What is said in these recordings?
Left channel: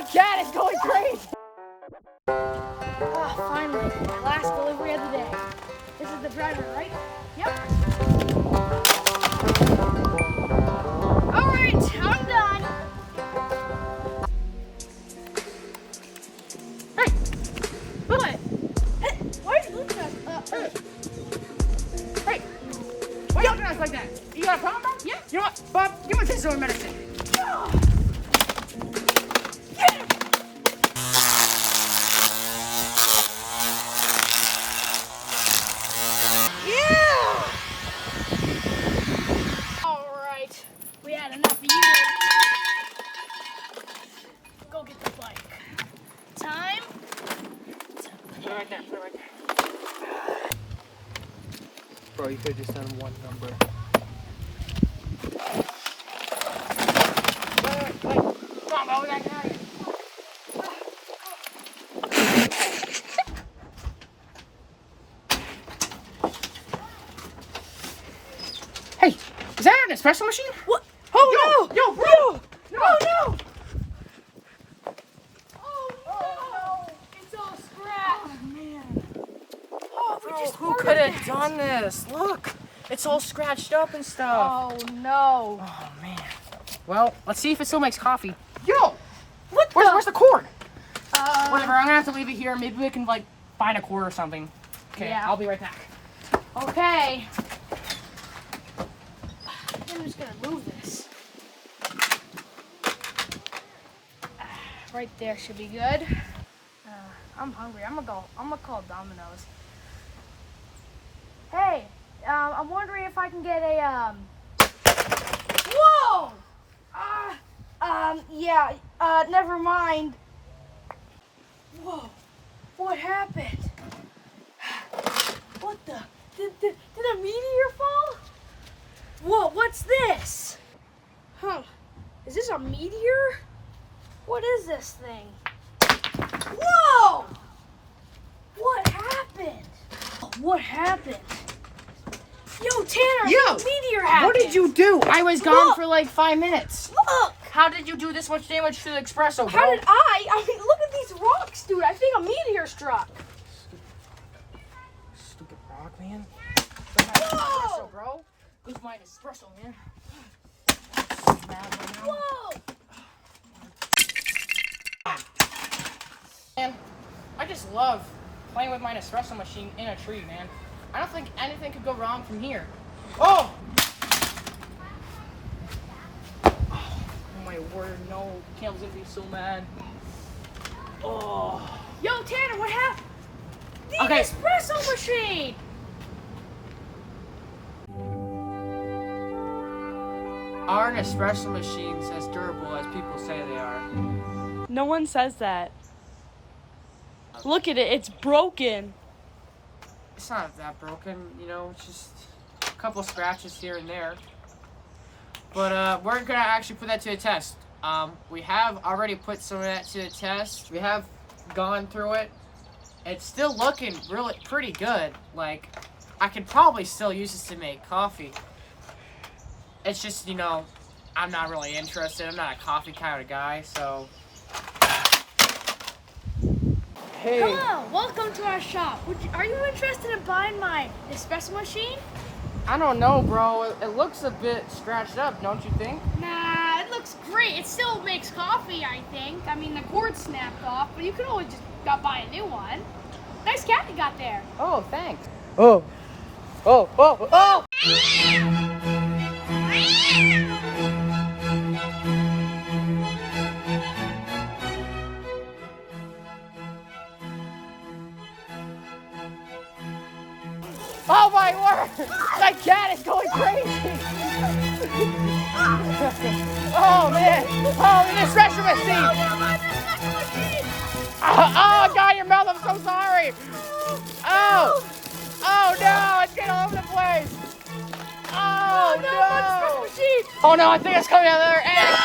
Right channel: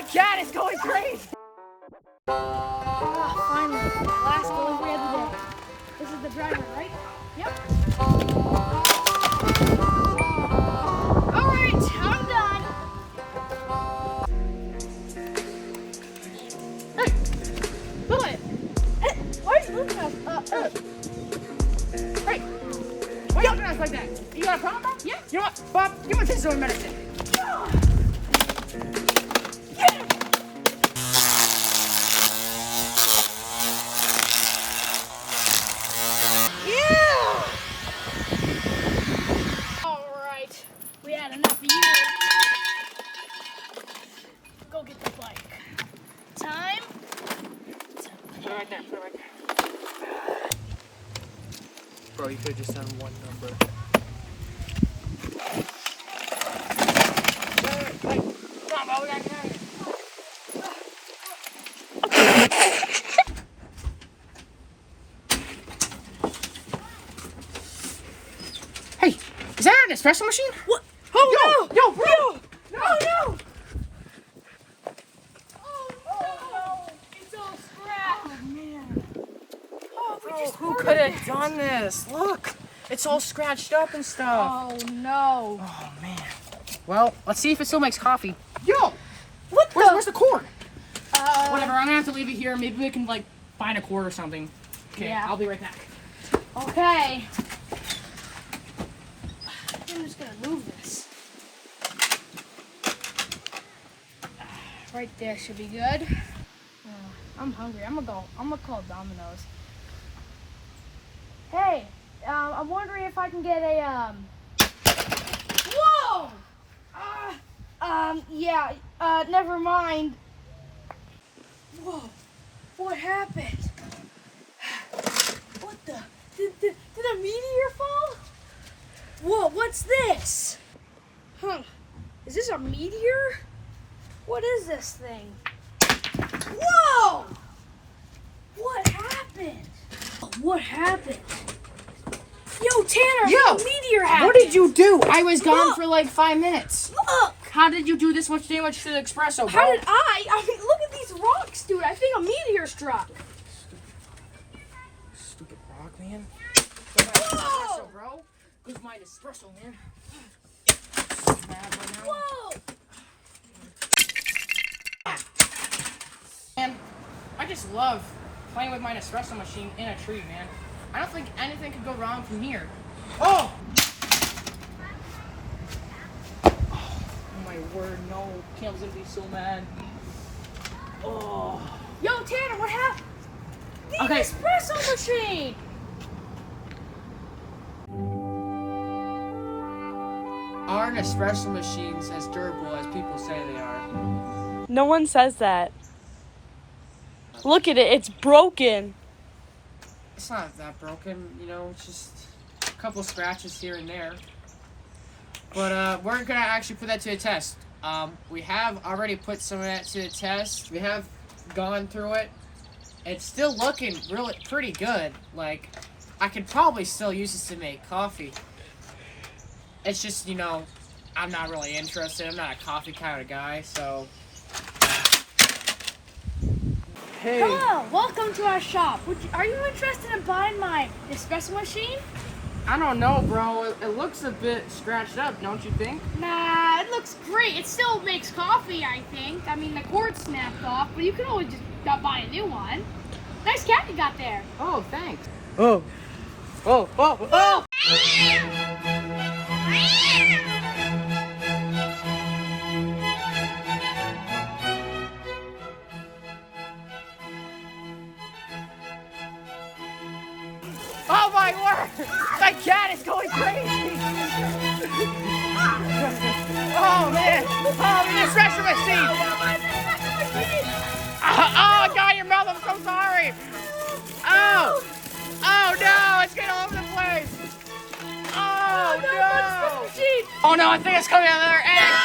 My cat is going crazy. Finally, last delivery of the day. This is the driver, right? Yep. All right, I'm done. Hey, what? Why are you looking at us? Hey, why are you looking at us like that? You got a problem, bro? Yeah. You know what, Bob? Give me this medicine. We had enough of you. Go get the bike. Time. Put it right there. Put it right there. Bro, you could just send one number. Wait. Come on, bro. We gotta get out of here. Hey, is that an espresso machine? What? Oh, yo, bro! No! Oh no! Oh no! It's all scratched. Oh, man. Oh, we Bro, just who ordered could have this. done this? Look, it's all scratched up and stuff. Oh no! Oh, man. Well, let's see if it still makes coffee. Yo! What Where's the cord? Uh, Whatever, I'm gonna have to leave it here. Maybe we can, like, find a cord or something. Okay, Yeah. I'll be right back. Okay. I'm just gonna move this. Right there should be good. I'm hungry. I'm gonna call Domino's. Hey, I'm wondering if I can get a Whoa! Yeah. Never mind. Whoa! What happened? What the? Did a meteor fall? Whoa, what's this? Huh. Is this a meteor? What is this thing? Whoa! What happened? What happened? Yo, Tanner, Yo, a meteor happened. What did you do? I was gone Look. for like 5 minutes. Look! How did you do this much damage to the espresso, bro? How did I mean, look at these rocks, dude. I think a meteor struck. Stupid rock, man. Don't have espresso, bro. Where's my espresso, man? So mad right now. Whoa! Man, I just love playing with my espresso machine in a tree, man. I don't think anything could go wrong from here. Oh! Oh my word, no. Cam's gonna be so mad. Oh. Yo, Tanner, what happened? The Okay. espresso machine! Aren't espresso machines as durable as people say they are? No one says that. Look at it, it's broken. It's not that broken, you know, it's just a couple scratches here and there. But we're gonna actually put that to the test. We have already put some of that to the test. We have gone through it. It's still looking really pretty good. Like, I could probably still use this to make coffee. It's just, you know, I'm not really interested. I'm not a coffee kind of guy, so. Hey. Hello, welcome to our shop. Are you interested in buying my espresso machine? I don't know, bro. It looks a bit scratched up, don't you think? Nah, it looks great. It still makes coffee, I think. I mean, the cord snapped off, but you can always just buy a new one. Nice cat you got there. Oh, thanks. Oh. Oh, oh, oh! Oh my word! My cat is going crazy! Oh man! Oh, the espresso machine! Oh, God, your mouth! I'm so sorry! Oh! Oh no! It's getting all over the place! Oh no! Oh no! I think it's coming out of the other end!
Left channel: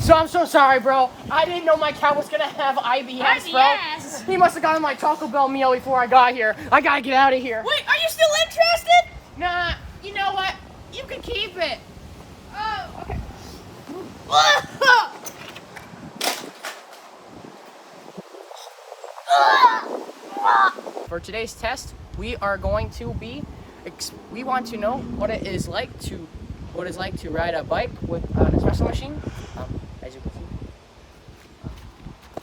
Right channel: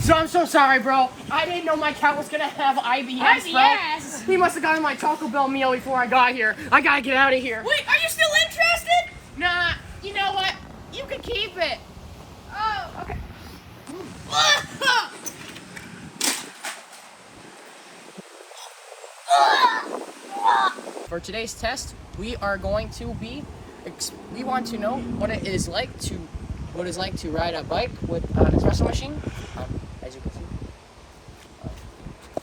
So I'm so sorry, bro. I didn't know my cat was gonna have IBS, bro. He must have gotten my Taco Bell meal before I got here. I gotta get out of here. Wait, are you still interested? Nah, you know what? You can keep it. Oh, okay. For today's test, we are going to be. We want to know what it is like to ride a bike with an espresso machine, as you can see.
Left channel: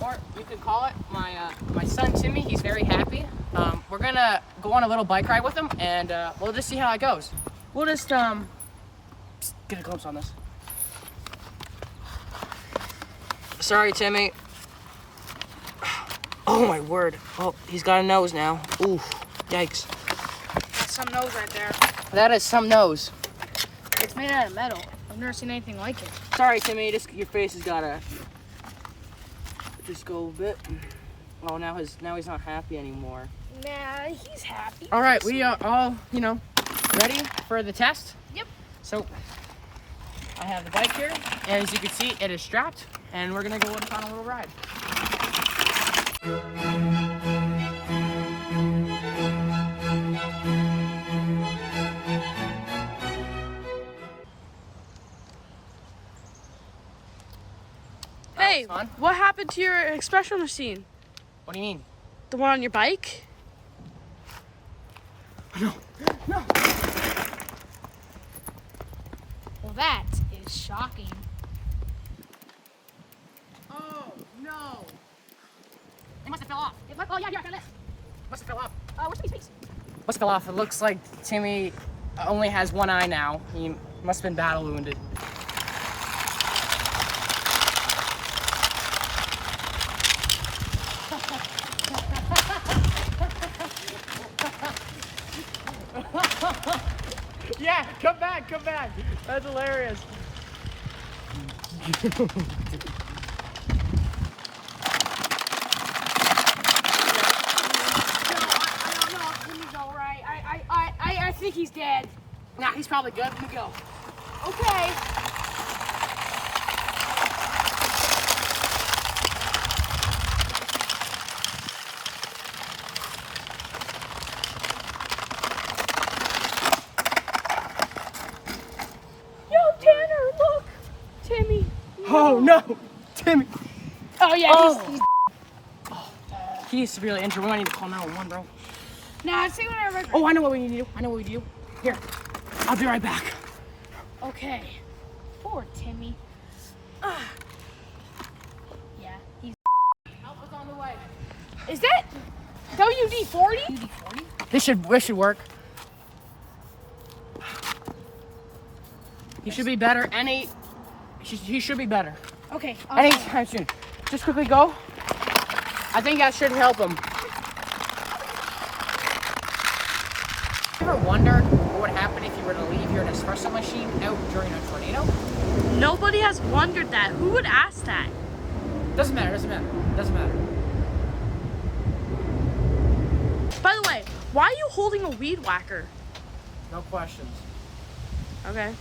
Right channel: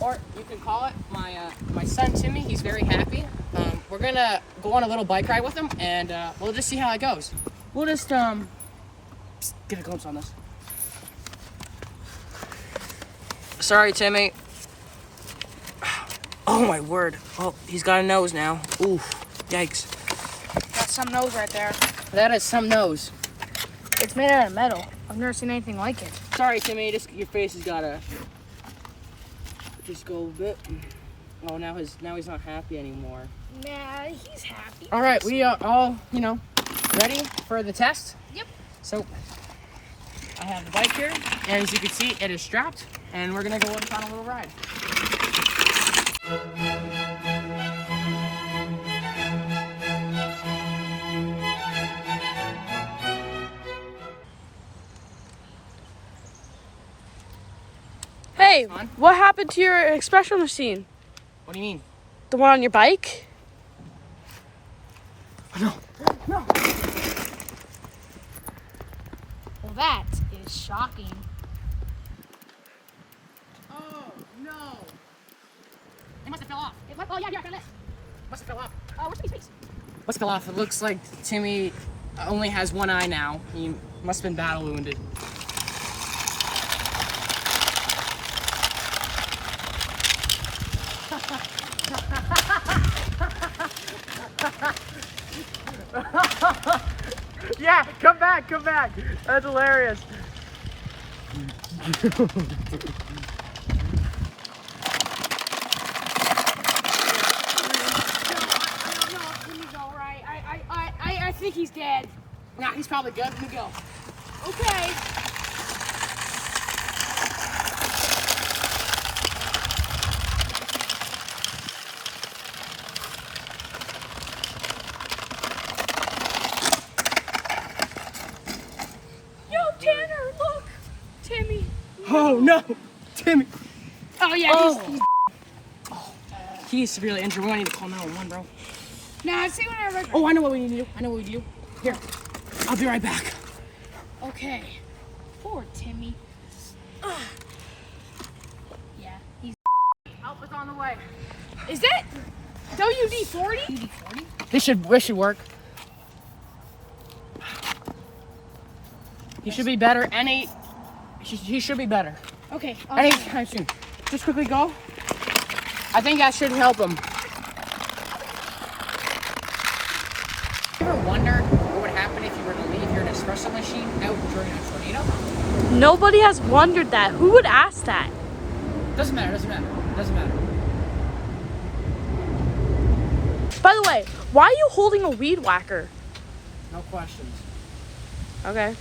Or you can call it my son Timmy. He's very happy. We're gonna go on a little bike ride with him, and we'll just see how it goes. We'll just get a glimpse on this. Sorry, Timmy. Oh my word! Oh, he's got a nose now. Ooh, yikes! That's some nose right there. That is some nose. It's made out of metal. I've never seen anything like it. Sorry, Timmy. Your face has gotta just go a bit. Oh, now he's not happy anymore. Nah, he's happy. All right, we are all ready for the test. Yep. So I have the bike here, and as you can see, it is strapped, and we're gonna go on a little ride. Hey, Son? what happened to your espresso machine? What do you mean? The one on your bike? No. Well, that is shocking. Oh no! It must have fell off. Oh, yeah, I found this. Must have fell off. Where's Timmy's face? Must have fell off. It looks like Timmy only has one eye now. He must have been battle wounded. Yeah, come back. That's hilarious. I don't know if Timmy's all right. I think he's dead. Nah, he's probably good. Let me go. Okay. Yo, Tanner, look. Timmy. Oh no, Timmy. Oh, yeah, Oh. He's severely injured. We might need to call 911, bro. Nah, I'd say whenever. Oh, I know what we need to do. Here, I'll be right back. Okay. Poor Timmy. Yeah, he's. Help is on the way. Is that WD-40? WD-40? This should work. He should be better. He should be better. Okay. Anytime soon. Just quickly go. I think that should help him. You ever wondered what would happen if you were to leave your Nespresso machine out during a tornado? Nobody has wondered that. Who would ask that? Doesn't matter. By the way, why are you holding a weed whacker? No questions. Okay.